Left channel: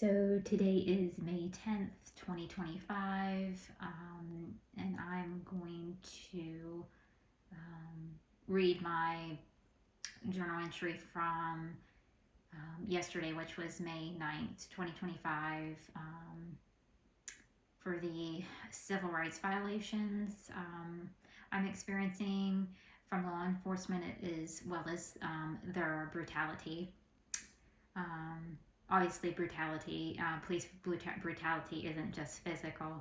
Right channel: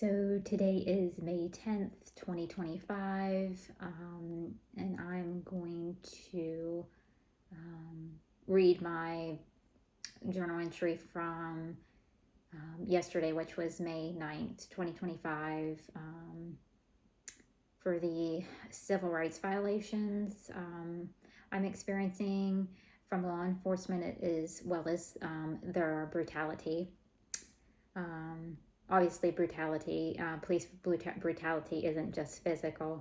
So today is May 10th, 2025, and I'm going to read my journal entry from yesterday, which was May 9th, 2025, for the civil rights violations I'm experiencing from law enforcement as well as their brutality. Obviously, police brutality isn't just physical.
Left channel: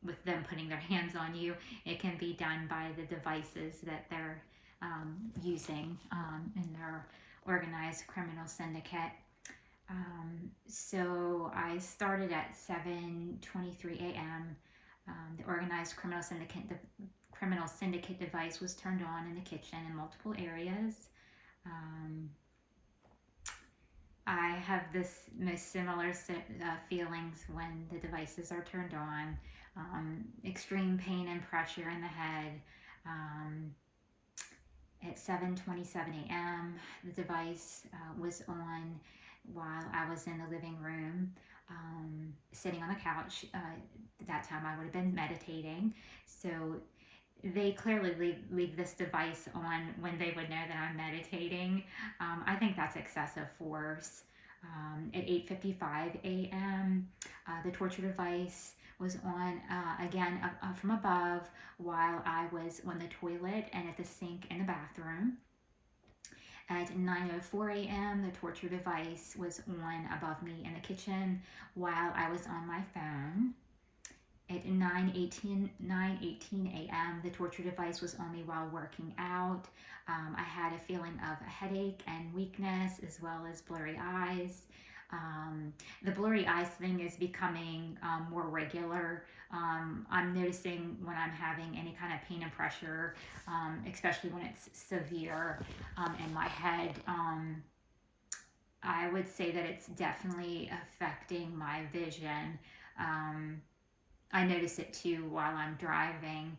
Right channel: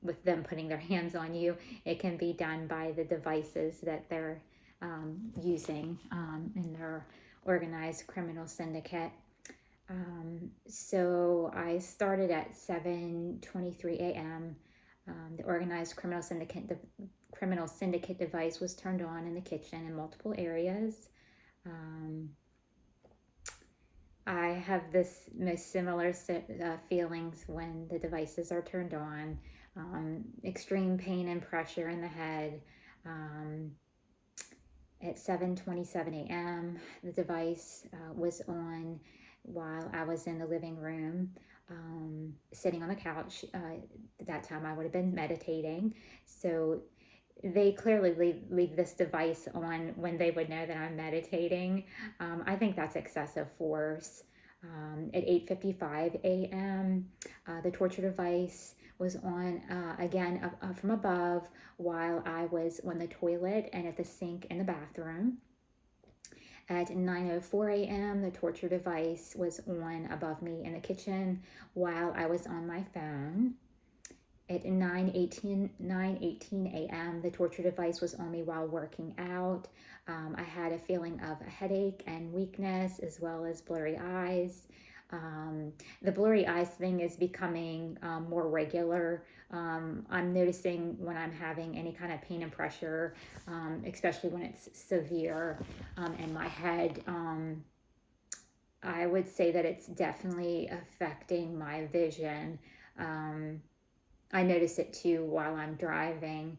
With them putting their hands on you, it can be done by the devices that they're using in their organized criminal syndicate. So I started at 7:23 a.m. The organized criminal syndicate device was turned on in the kitchen in multiple areas. I have this most similar feelings when the devices are turned on. Extreme pain and pressure in the head. At 7:27 a.m., the device was on while I was in the living room, sitting on the couch. At that time, I would have been meditating. So they clearly leave this device on when they would know that I'm meditating. I think that's excessive force. At 8:55 a.m., the torture device was on again from above while I was on the toilet and at the sink in the bathroom. At 9:04 a.m., the torture device was on above me in the kitchen while I was on my phone. At 9:18 a.m., the torture device was on me while working out. I had a feeling of a headache and weakness as well as blurry eyes. The blurry eyes thing is becoming more regular. I'm noticing when I'm having any kind of pain and pressure, especially when it's severe in my head. I would say that it's definitely affecting my vision. I notice it too while I'm driving.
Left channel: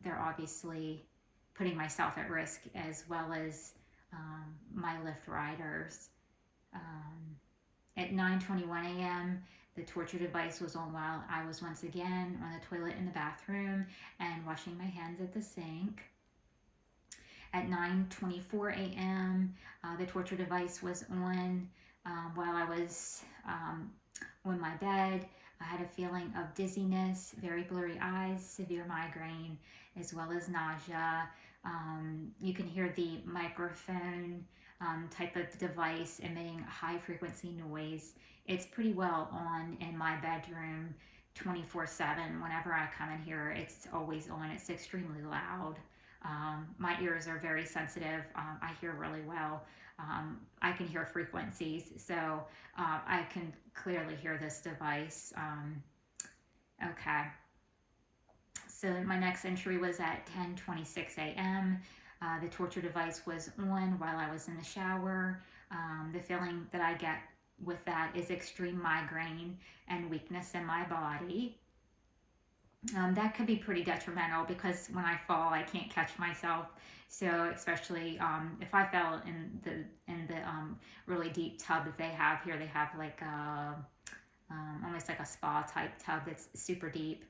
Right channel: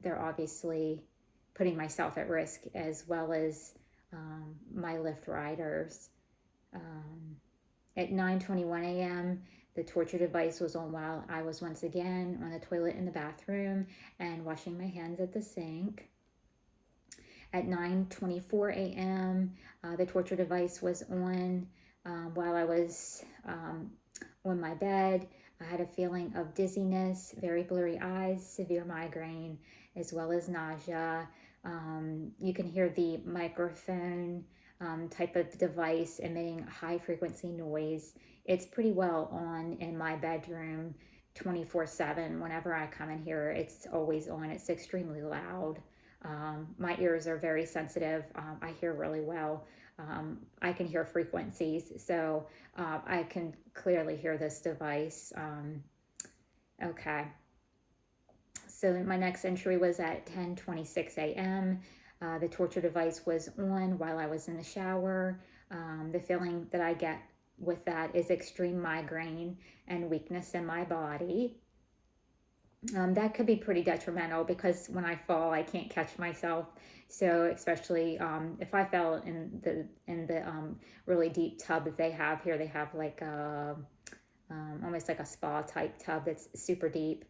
They're obviously putting myself at risk as well as my Lyft riders. At 9:21 a.m., the torture device was on while I was once again on the toilet in the bathroom and washing my hands at the sink. At 9:24 a.m., the torture device was on while I was on my bed. I had a feeling of dizziness, very blurry eyes, severe migraine, as well as nausea. You can hear the microphone type of device emitting high frequency noise. It's pretty well on in my bedroom 24/7. Whenever I come in here, it's always on. It's extremely loud. My ears are very sensitive. I hear really well. I can hear frequencies, so I can clearly hear this device. Okay. So my next entry was at 10:26 a.m. The torture device was on while I was in the shower. The feeling that I get with that is extreme migraine and weakness in my body. That could be pretty detrimental because when I fall, I can't catch myself. So especially if I fell in the really deep tub that they have here, they have like almost like a spa type tub that's super deep.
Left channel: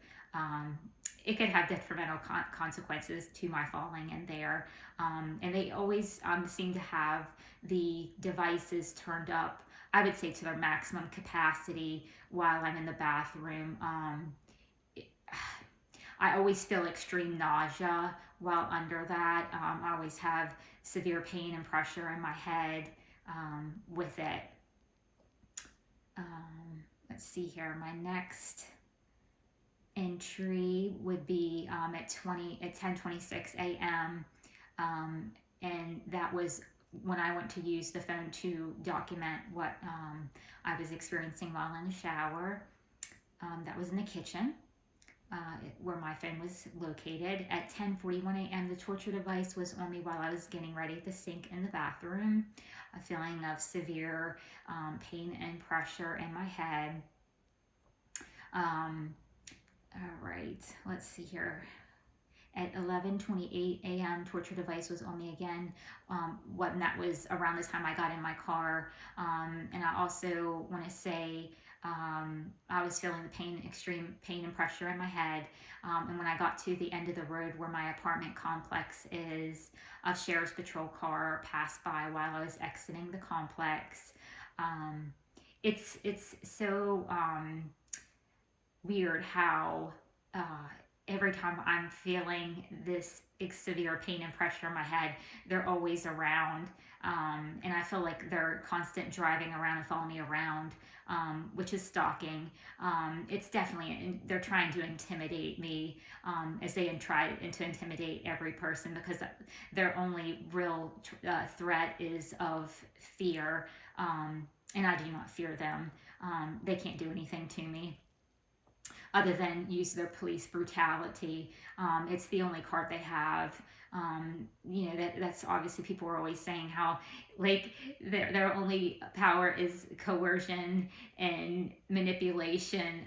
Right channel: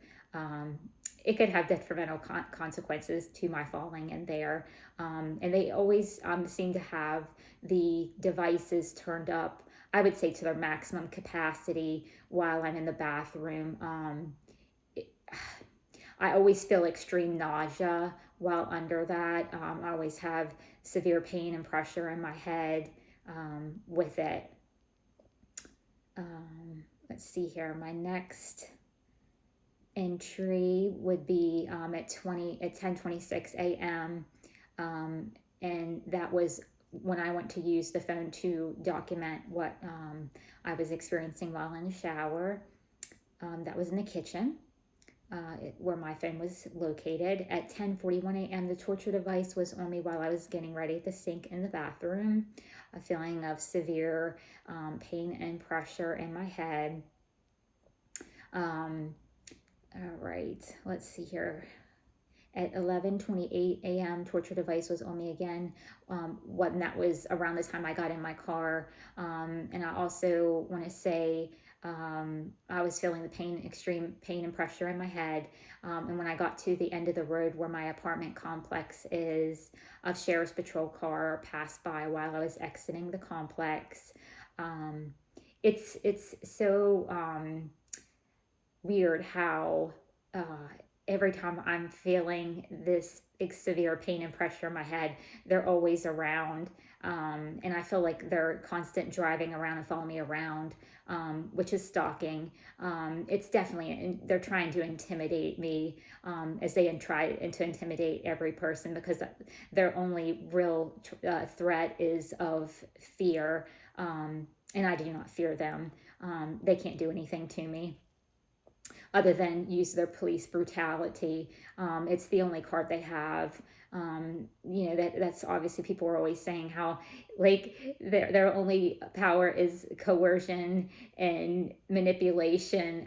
It could have detrimental consequences to my falling in there. And they always seem to have the devices turned up, I would say, to their maximum capacity while I'm in the bathroom. I always feel extreme nausea while under that. I always have severe pain and pressure in my head with it. Let's see here. My next entry would be at 10:26 a.m. And that was when I went to use the phone to document what I was experiencing while in the shower. That was in the kitchen. Where my phone was located. At 10:41 a.m., the torture device was on me while I was getting ready at the sink in the bathroom. A feeling of severe pain and pressure in my head. All right, let's see here. At 11:28 a.m., torture device was on me again. When that was around the time I got in my car. And I also want to say I was feeling the pain, extreme pain and pressure in my head. And when I got to the end of the road where my apartment complex is, a sheriff's patrol car passed by while I was exiting the complex. It's so weird how every time I'm feeling this severe pain and pressure in my head, they're always around. And I feel like they're constant driving around and following me around, which is stalking. It's definitely, they're trying to intimidate me, as they try to intimidate every person, because their only real threat is of fear. And I do not fear them. They can't do anything to me other than use their police brutality. It's the only card they have. That's obviously, people are always saying how like their only power is coercion and manipulation.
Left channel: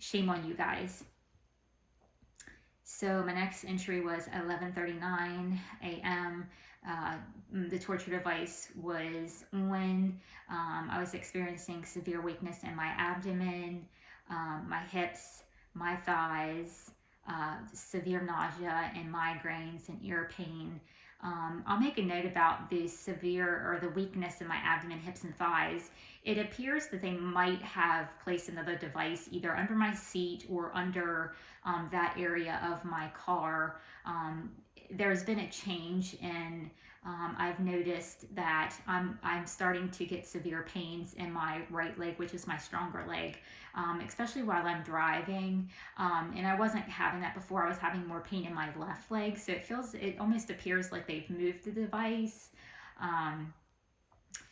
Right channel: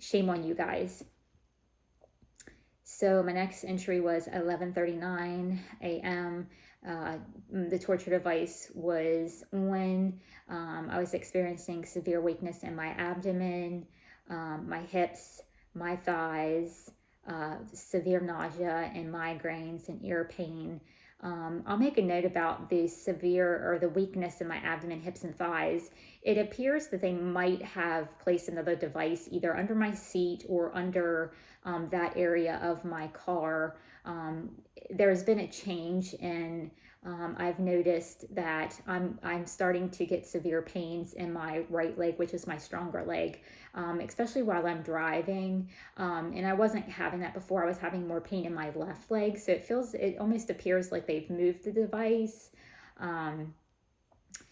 Shame on you guys. So my next entry was 11:39 a.m. The torture device was on. I was experiencing severe weakness in my abdomen, my hips, my thighs, severe nausea and migraines and ear pain. I'll make a note about the severe or the weakness in my abdomen, hips, and thighs. It appears that they might have placed another device either under my seat or under that area of my car. There's been a change in I've noticed that I'm starting to get severe pains in my right leg, which is my stronger leg, especially while I'm driving. And I wasn't having that before. I was having more pain in my left leg. So it almost appears like they've moved the device.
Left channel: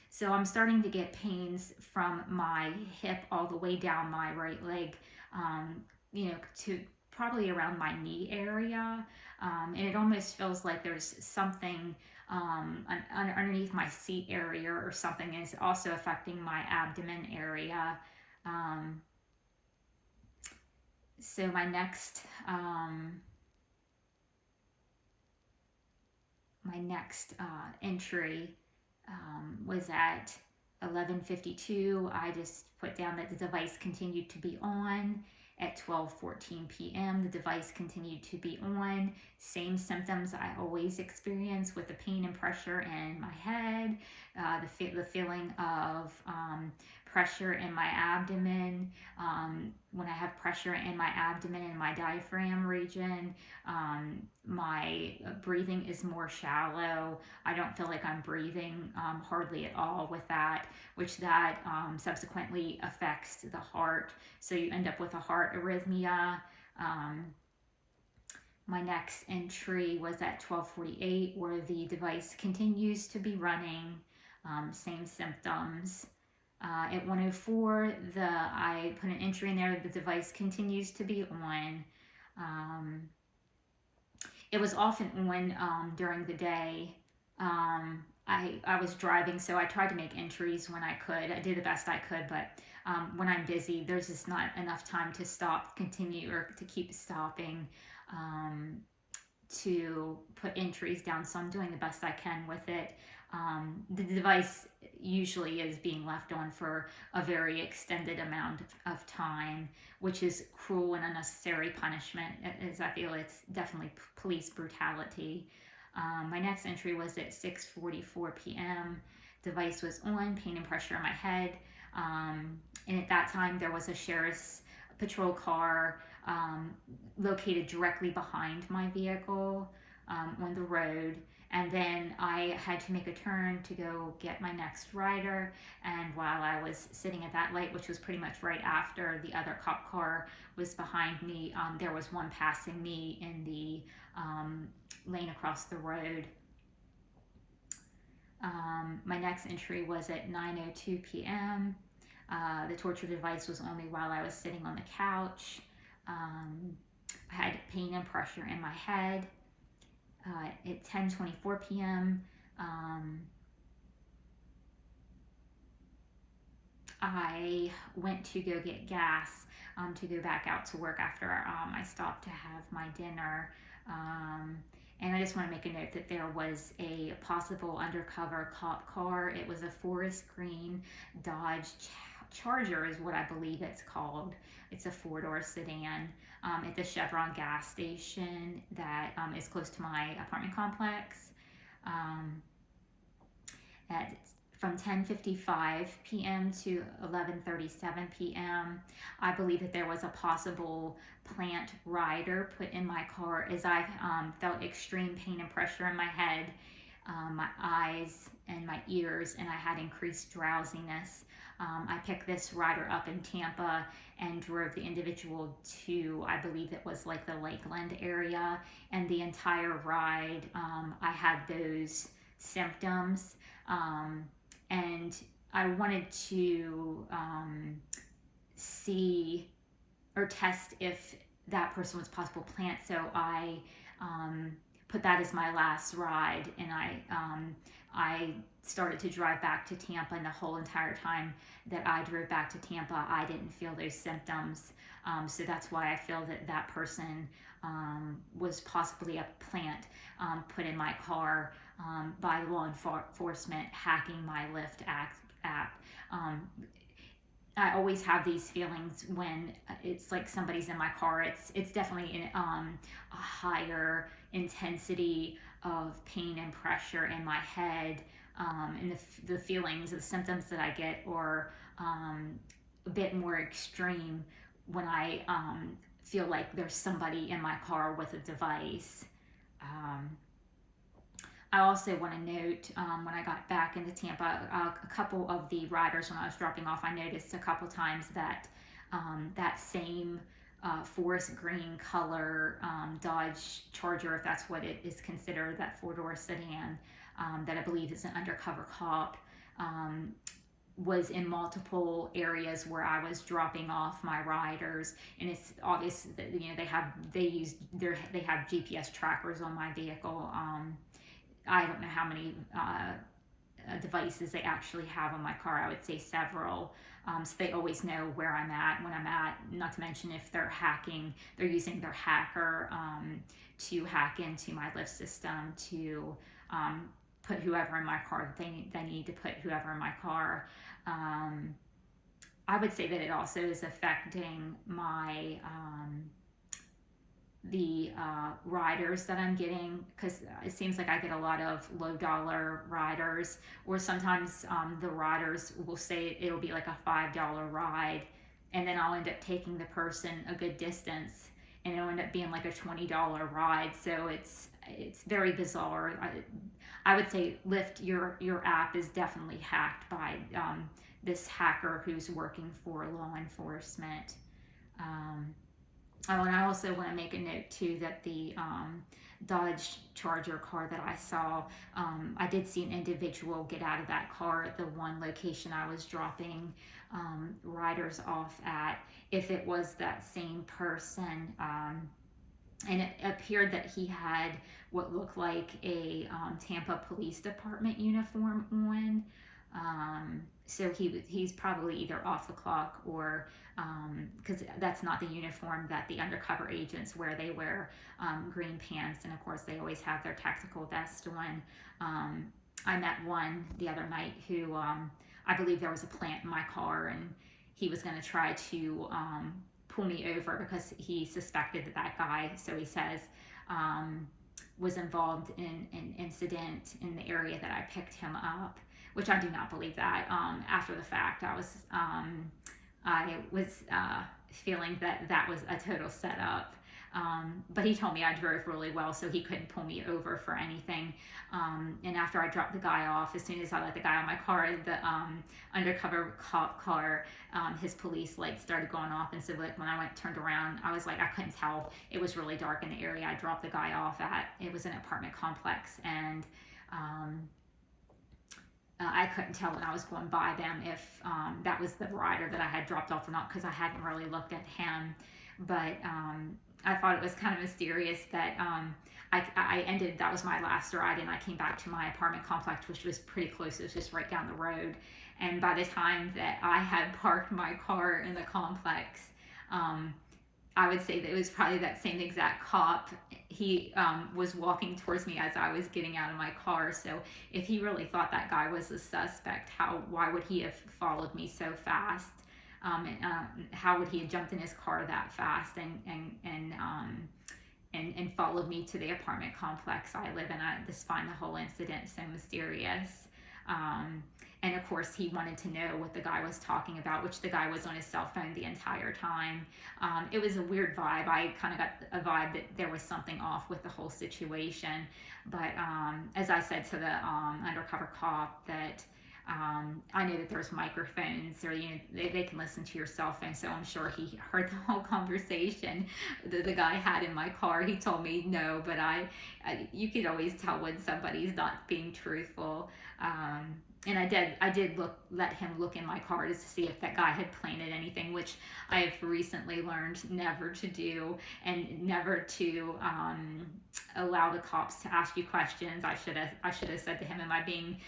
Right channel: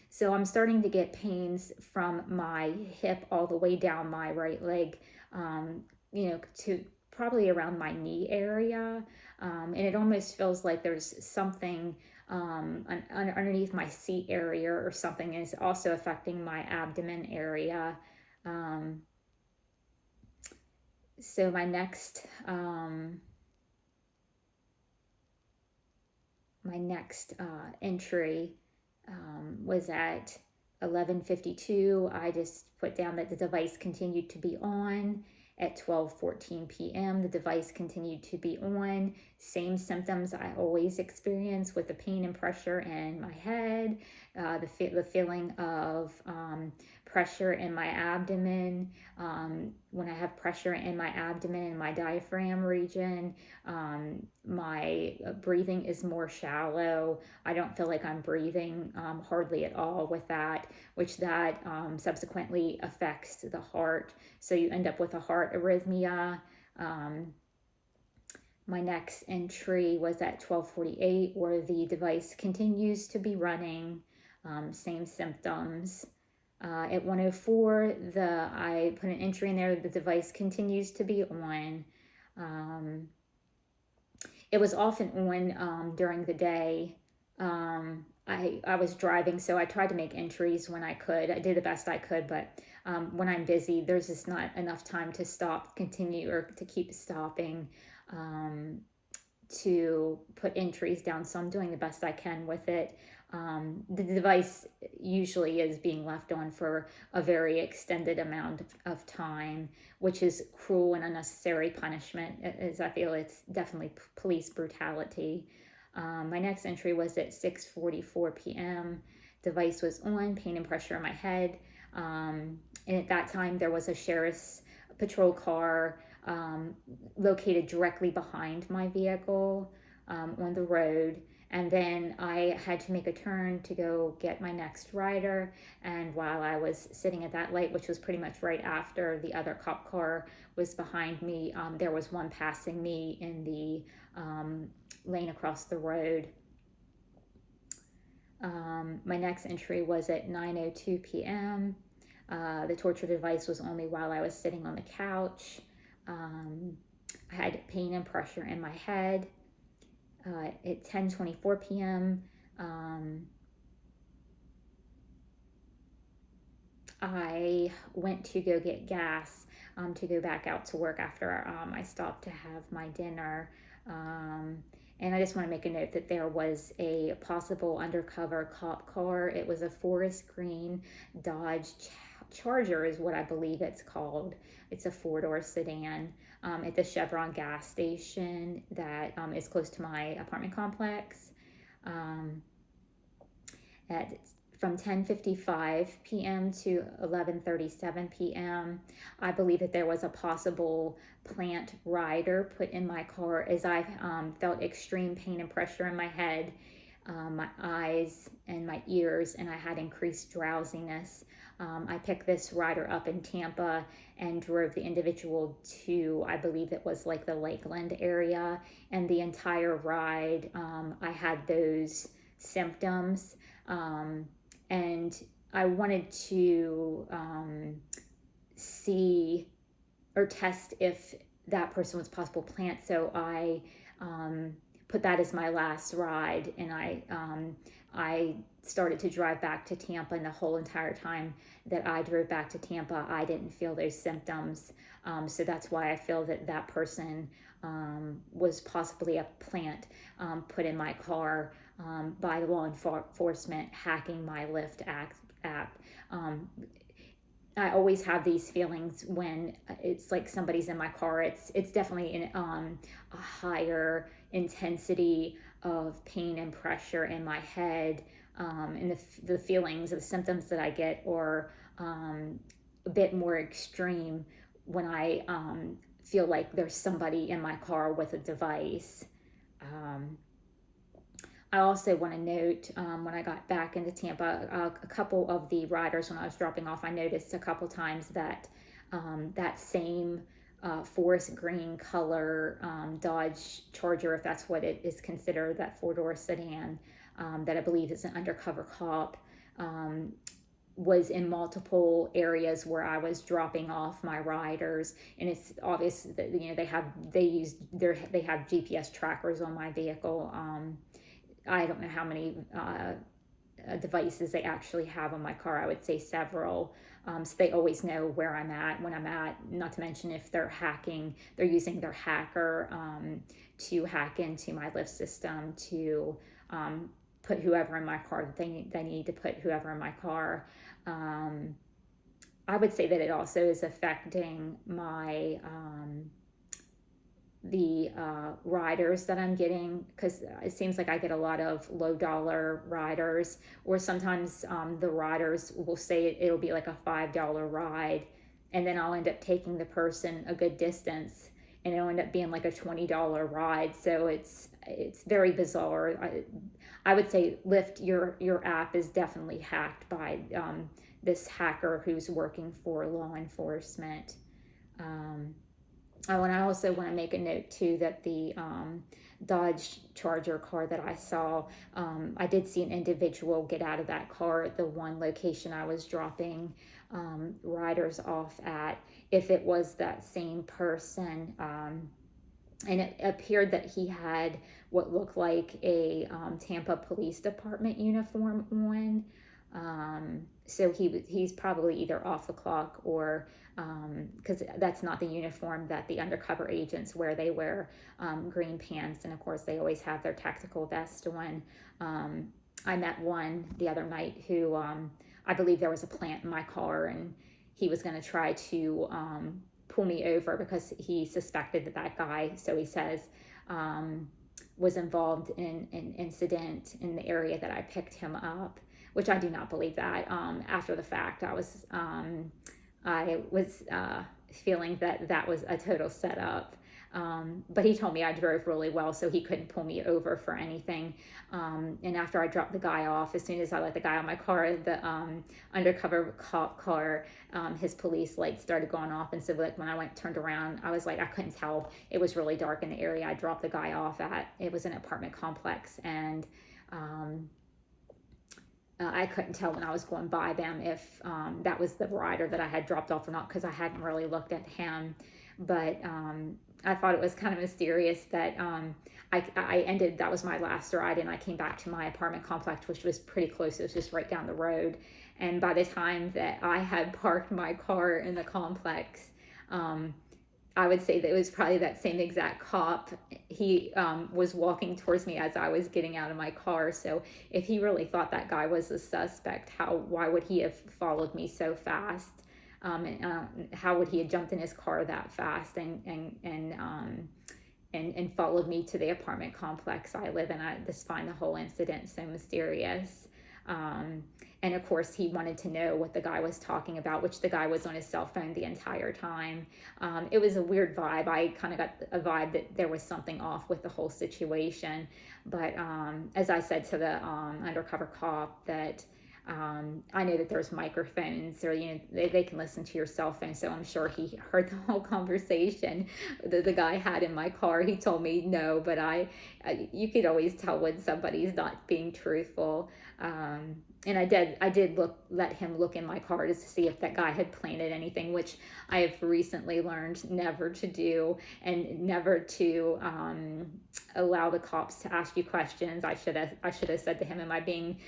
So I'm starting to get pains from my hip all the way down my right leg, to probably around my knee area. And it almost feels like there's something underneath my seat area or something is also affecting my abdomen area. So my next entry was at 11:52. I just put down that the device continued to be on. At 12:14 p.m., the device continued to be on. Same symptoms I always experience with the pain and pressure in my head, the feeling of pressure in my abdomen. When I have pressure in my abdomen and my diaphragm region, my breathing is more shallow. I don't feel like I'm breathing hardly at all with that, which that subsequently affects the heart. So you end up with a heart arrhythmia. My next entry was at 12:48, where the device continues to be running, same symptoms. At 1:04, I put an entry in there, the device continues to be on. It was often on during the day. I was driving, so I tried to make entries when I could. I did the best I could, but when I'm busy, there's just not enough time to continue, or to keep stopping to put entries down. So I'm doing the best I can with it. The device usually is being left on for a very extended amount of time, which is cruel and unnecessary punishment, as I feel it's definitely police brutality. My next entry was at 6:44 p.m. Device was on, pain and pressure in my head. And at that time, there was a sheriff's patrol car located directly behind my vehicle on the road. And then I had to make a turn to go get my next rider. And while I was sitting at that light, which was pretty much right after the other cop car was behind me, there was one passing me in the lane across the road. My next entry was at 9:02 p.m. The torture device was on me while I was sitting on the couch. I had pain and pressure in my head. At 10:24 p.m., I went to go get gas to go back out to work after I stopped to have my dinner. And I just want to make a note that there was a possible undercover cop car. It was a forest green Dodge Charger is what I believe it's called. It's a four-door sedan at the Chevron gas station that is close to my apartment complex. At From 10:55 p.m. to 11:37 p.m. I believe that there was a possible plant rider put in my car as I felt extreme pain and pressure in my head, my eyes and my ears, and I had increased drowsiness. I picked this rider up in Tampa and drove the individual to, I believe it was like the Lakeland area, and the entire ride I had those symptoms. And I wanted to see or test if that person was possible plant. So I put that as my last ride, and I started to drive back to Tampa, and the whole entire time that I drove back to Tampa, I didn't feel those symptoms. So that's why I feel that that person was possibly a plant put in my car by the law enforcement hacking my Lyft app. I always have these feelings when it's like somebody's in my car. It's definitely a higher intensity of pain and pressure in my head, and the feelings, the symptoms that I get are a bit more extreme when I feel like there's somebody in my car with a device. I also want to note when I got back into Tampa, a couple of the riders when I was dropping off, I noticed a couple times that that same forest green color Dodge Charger, if that's what it is considered, that four-door sedan that I believe is an undercover cop, was in multiple areas where I was dropping off my riders, and it's obvious that they have GPS trackers on my vehicle. I don't know how many devices they actually have on my car. I would say several. So they always know where I'm at, when I'm at, not to mention if they're using their hacker to hack into my Lyft system to put whoever in my car, they need to put whoever in my car. I would say that it also is affecting my the riders that I'm getting, because it seems like I get a lot of low dollar riders, or sometimes the riders will say it'll be like a $5 ride, and then I'll end up taking the person a good distance and it'll end up being like a $20 ride. So it's very bizarre. I would say Lyft, your app is definitely hacked by this hacker who's working for law enforcement. Oh, and I also want to make a note too that the Dodge Charger car that I saw, I did see an individual get out of that car at the one location I was dropping riders off at. If it was that same person, and it appeared that he had what looked like a Tampa Police Department uniform on. So he's probably either off the clock or because that's not the uniform that the undercover agents wear. They wear green pants, and of course they always have their tactical vest on. I met one the other night who I believe there was a plant in my car, and he was going to try to pull me over because he suspected that guy, so he says, was involved in an incident in the area that I picked him up, which I do not believe that. After the fact, I was feeling that was a total setup. But he told me I drove really well, so he couldn't pull me over for anything. And after I dropped the guy off, as soon as I let the guy out of my car, the undercover cop car, his police lights started going off. And so like when I turned around, I was like, I couldn't tell. It was really dark in the area I dropped the guy off at. It was an apartment complex, and I couldn't tell when I was going by them if that was the rider that I had dropped off or not, because I hadn't really looked at him. But I thought it was kind of mysterious that that was my last ride, and I came back to my apartment complex, which was pretty close. It was just right down the road. And by the time that I had parked my car in the complex, I would say that it was probably that same exact cop. He was walking towards me as I was getting out of my car. So if he really thought that guy was a suspect, why would he have followed me so fast? How would he have jumped in his car that fast and followed me to the apartment complex I live in? I just find the whole incident so mysterious. And of course, he wanted to know what the guy was talking about, which the guy was on his cell phone the entire time. It was a weird vibe. I kind of got a vibe that there was something off with the whole situation. But as I said to the undercover cop, that I know that there's microphones, or they can listen to your cell phone, so I'm sure he heard the whole conversation that the guy had in my car. He told me no, but you could always tell when somebody's not being truthful. And I did let him look in my car just to see if that guy had planted anything, which I have recently learned never to do, and never to allow the cops to ask you questions. I should have said to him, am I being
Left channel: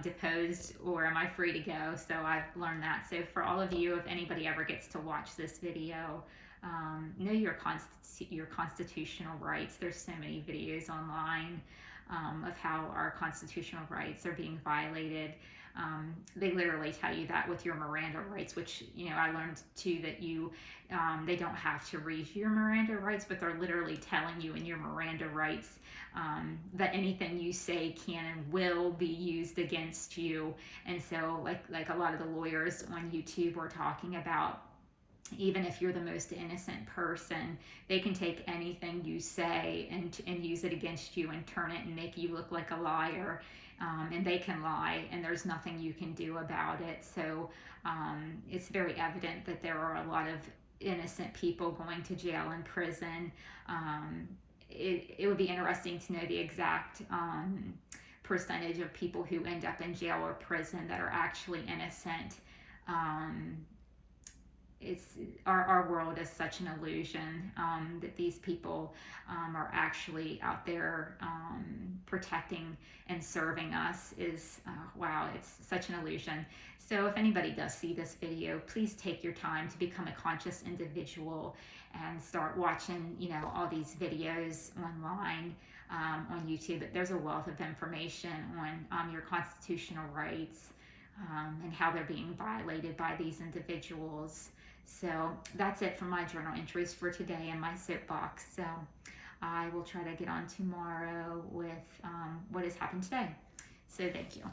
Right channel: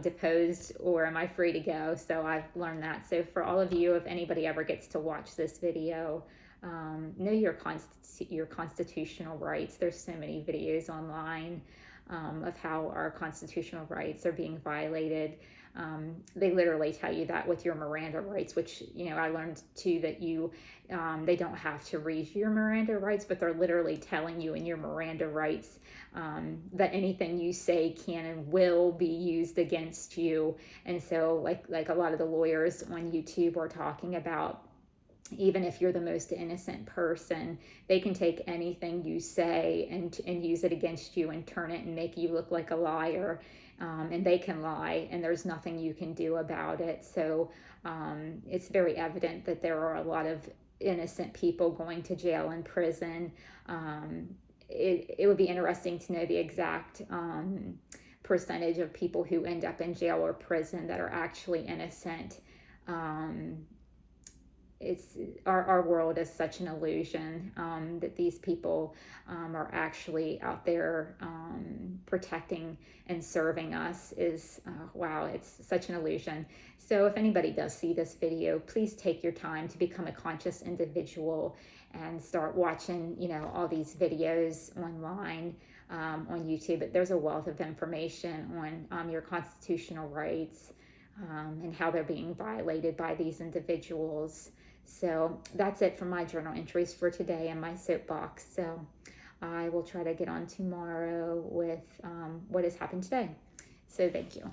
deposed, or am I free to go? So I've learned that. So for all of you, if anybody ever gets to watch this video, know your constitutional rights. There's so many videos online of how our constitutional rights are being violated. They literally tell you that with your Miranda rights, which, I learned too that they don't have to read your Miranda rights, but they're literally telling you in your Miranda rights that anything you say can and will be used against you. And so like a lot of the lawyers on YouTube are talking about, even if you're the most innocent person, they can take anything you say and use it against you and turn it and make you look like a liar. And they can lie, and there's nothing you can do about it. So it's very evident that there are a lot of innocent people going to jail and prison. It would be interesting to know the exact percentage of people who end up in jail or prison that are actually innocent. Our world is such an illusion that these people are actually out there protecting and serving us. Wow, it's such an illusion. So if anybody does see this video, please take your time to become a conscious individual and start watching, all these videos online on YouTube. But there's a wealth of information on your constitutional rights and how they're being violated by these individuals. So that's it for my journal entries for today and my soapbox. So I will try to get on tomorrow with what has happened today. So thank you.